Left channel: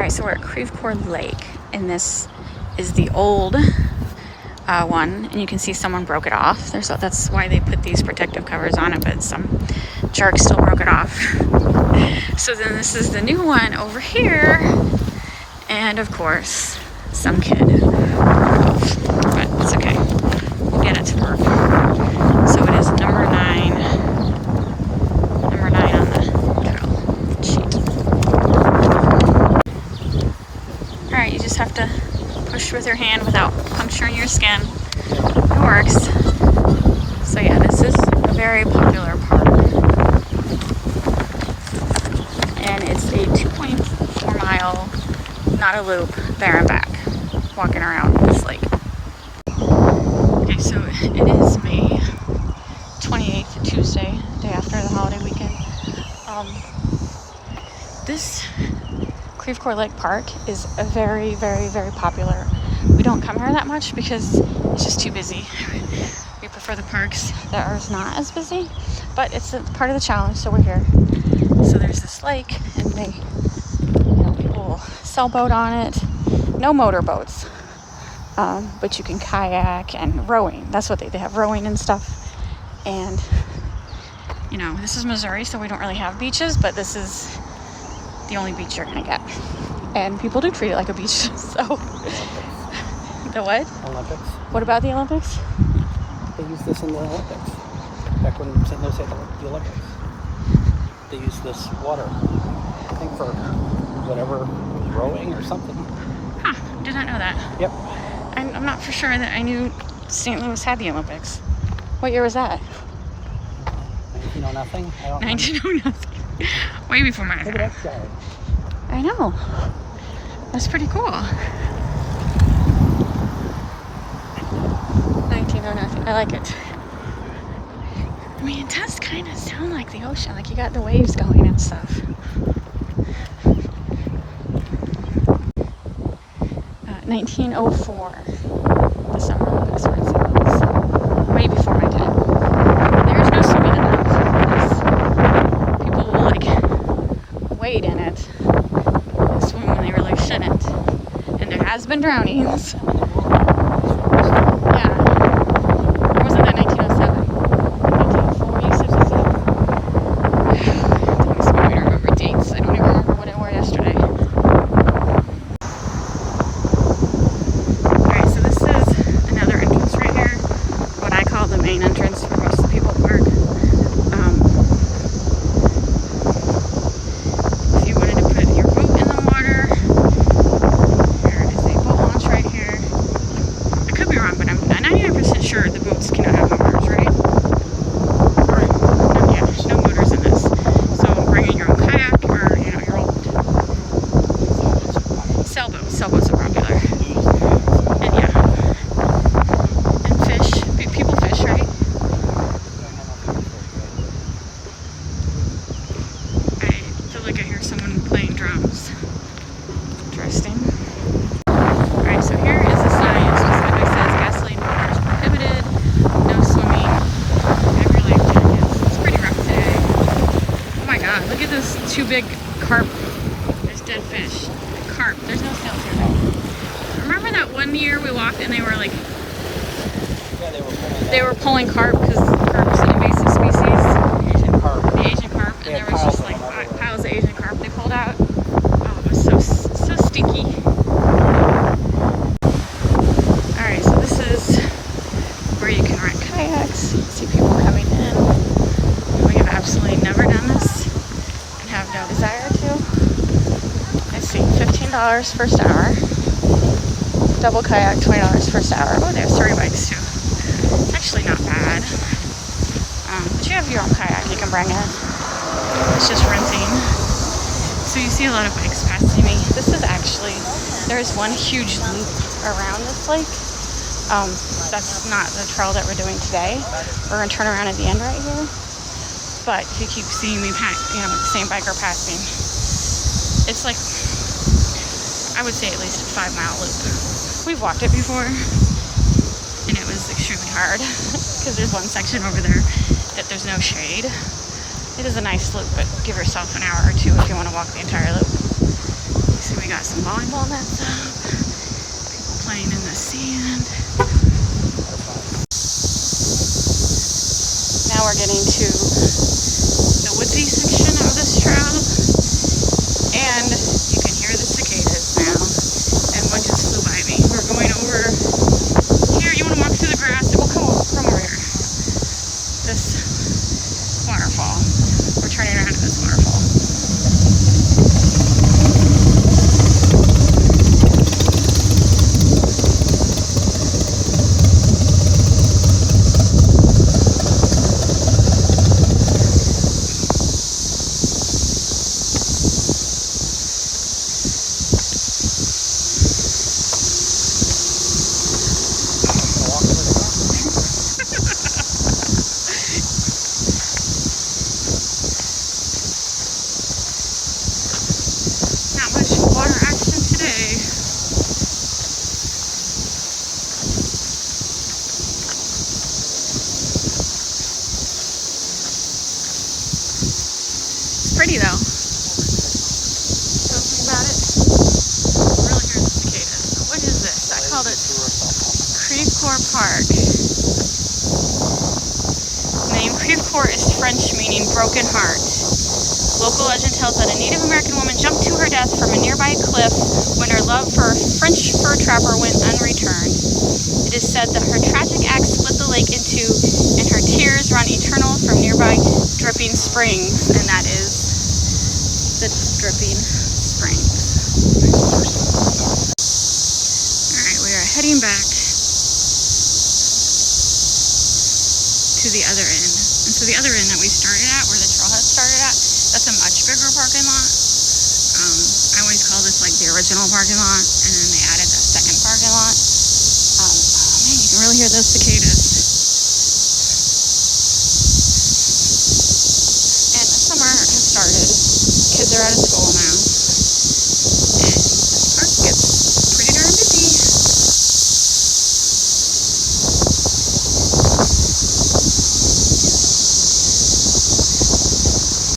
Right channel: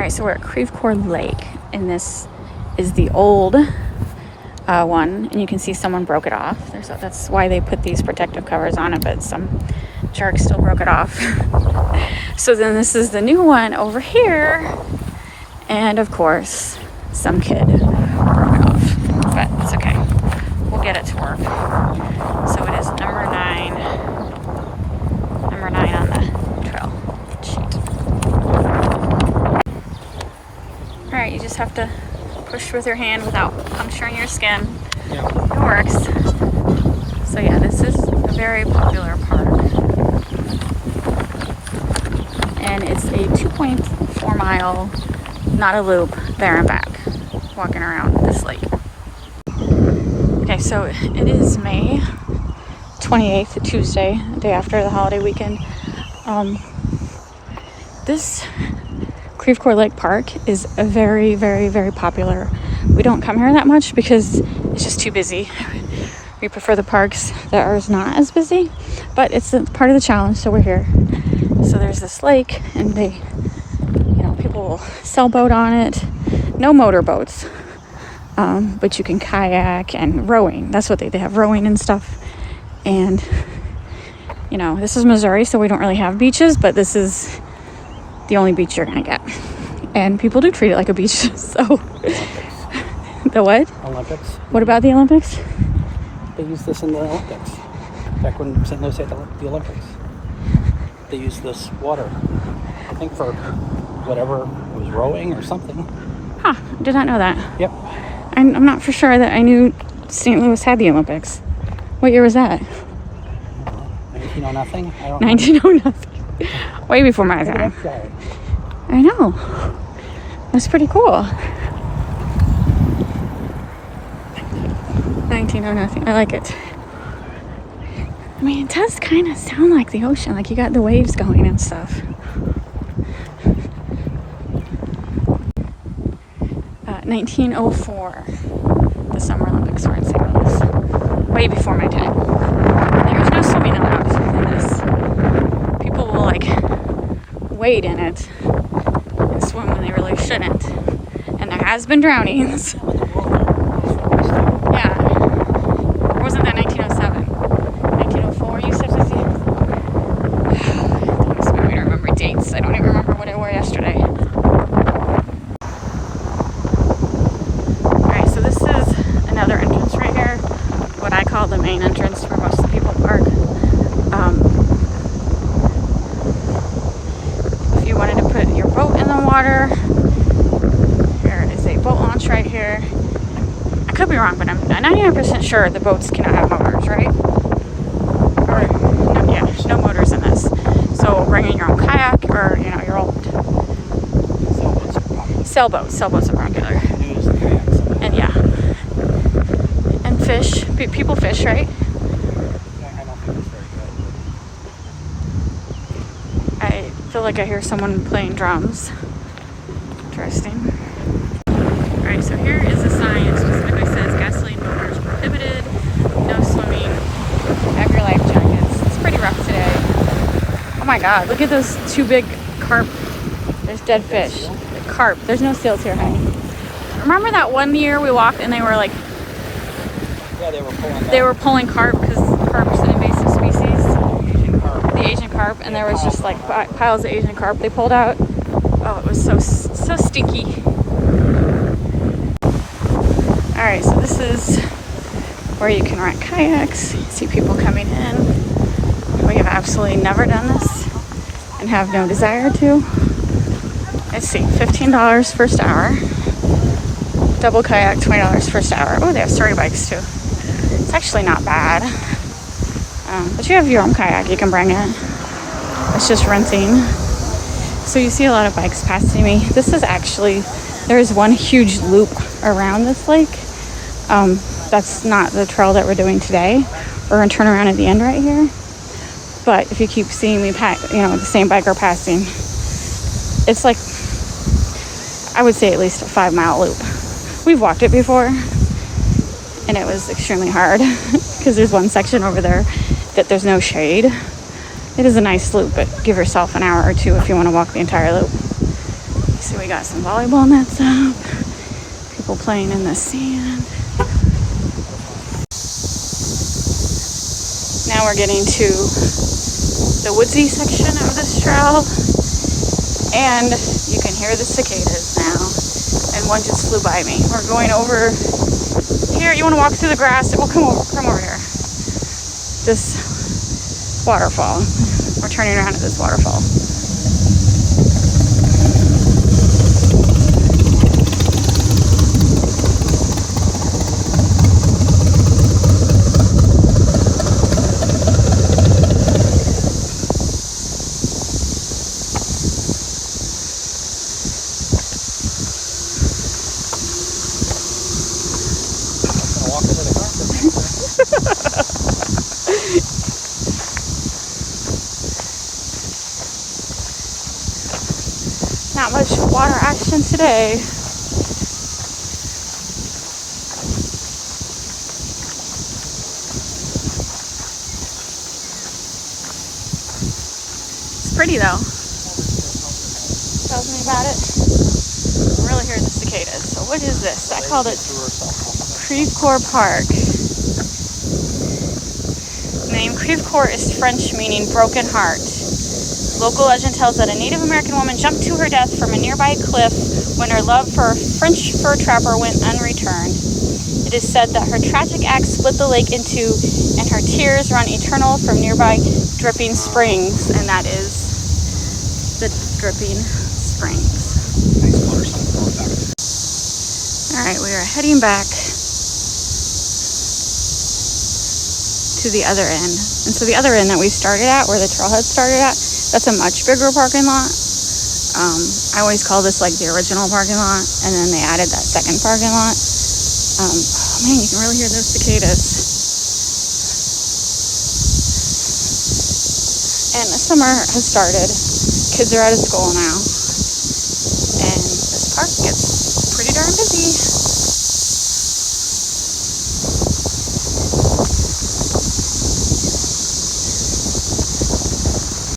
right, so we're at Creve Coeur Lake, and this is the old one, and you can see someone broke it off. That's why they put these protective covers on it, but some jerk still broke it off. So then this is the new one over here, and of course some kid broke it off, but it's okay, we'll get it to work. So it is number 9 on the trail sheet. All right, you just have to push with your hand without puncturing your skin. It works. So yeah, this is a very popular park. And it's a 2.4 mile, not a loop, there and back, walking around this lake. Okay, so it is May 28th, Tuesday, day after the holiday weekend. This Creve Coeur Lake Park is a very, very, very popular. We don't come here that much because it's just too busy. We prefer the parks that are not as busy, but it's a part of the challenge, so we're here. So there's this lake, and people will sailboat on it. No motorboats, but you can kayak and rowing. That's what they have, rowing and stuff. And this is Missouri, so we don't really have beaches, but this is the only beach you're gonna get, and people do treat it like a beach. So the what? Olympics. What about the Olympics? They used this in the Olympics. Back when St. Louis had the Olympics, they used this water, I think, for whatever, it was rowing or something. Huh, did not know that. Yep. I'm not for sure that I knew St. Louis had the Olympics. What year was that? 1900 I don't know. 1900. Way before my time. I know. That's pretty cool. 1900. I like it. I mean, it does kind of sound like the ocean. Like you got the waves going and stuff. 1904. The Summer Olympics were in St. Louis. Way before my time. There's no swimming in it. People will wade in it, swim when they really shouldn't, and there has been drownings. Yeah, or wasn't that 1907? 1904, you said? I don't remember dates. I don't even remember what I wore yesterday. Alright, so this is another entrance right here, what I call the main entrance for most of the people park. If you wanted to put your boat in the water, there is a boat launch right here. I could be wrong, but I'm 99% sure the boats cannot have motors, right? Yeah, there's no motors in this. So bringing your own kayak or your own sailboat. Sailboats are popular. And yeah, and fish. People fish, right? I feel like I hear someone playing drums. Interesting. Alright, so here is the sign. It specifically says gasoline motors prohibited, no swimming, have your life jackets. It's pretty rough today. Oh my god, look at those two big carp. There's dead fish. Carp. There's no seals here, huh? Remember that one year we walked and they were like, they were pulling carp because carp is an invasive species, the Asian carp, and there was just like piles of Asian carp they pulled out. Oh, it was so stinky. Alright, so this is where you can rent kayaks. You see people coming in. We have absolutely never done this and have no desire to. Let's see, $15 first hour. Double kayak, $20 first hour. Oh, they have story bikes too. It's actually not bad. But you have your own kayak you can bring in. It's just renting. So you see a lot of bikes passing me. This is actually, there is one huge loop around this lake. That's not the trail that we're doing today. We're gonna turn around at the end right here. But if you keep seeing me the same biker passing, it's like, I would say at least a 5-mile loop. We've walked it before, and it was extremely hard because there's one section over there that there's no shade. It is a nice loop, but give yourself an hour or two if you want to walk the entire loop. See we got some volleyball nets up, people playing in the sand. Now we're getting to the woodsy section of this trail, and you can hear the cicadas now, and one just flew by me. We're going over here. You want to walk through the grass? Oh, come over here. This waterfall. We're turning around at this waterfall. Not much water action today. It's pretty though. Tell me about it. I'm really hearing the cicadas. So what is this? I called it Creve Coeur Park. The name Creve Coeur is French meaning broken heart. Local legend tells that a Native American woman jumped to her death from a nearby cliff when her love for a French fur trapper went unreturned. It is said that her tragic act split the lake in two, and her tears run eternal from nearby dripping springs, and that is the dripping springs. All right, we are heading back to the other end. And so the other end that we started at, where the trailhead started at, that's a much bigger parking lot. I always call this like the original parking lot, and then they added that second parking lot. Man, you can really hear those cicadas. And the summer has started. Kids are out of school now.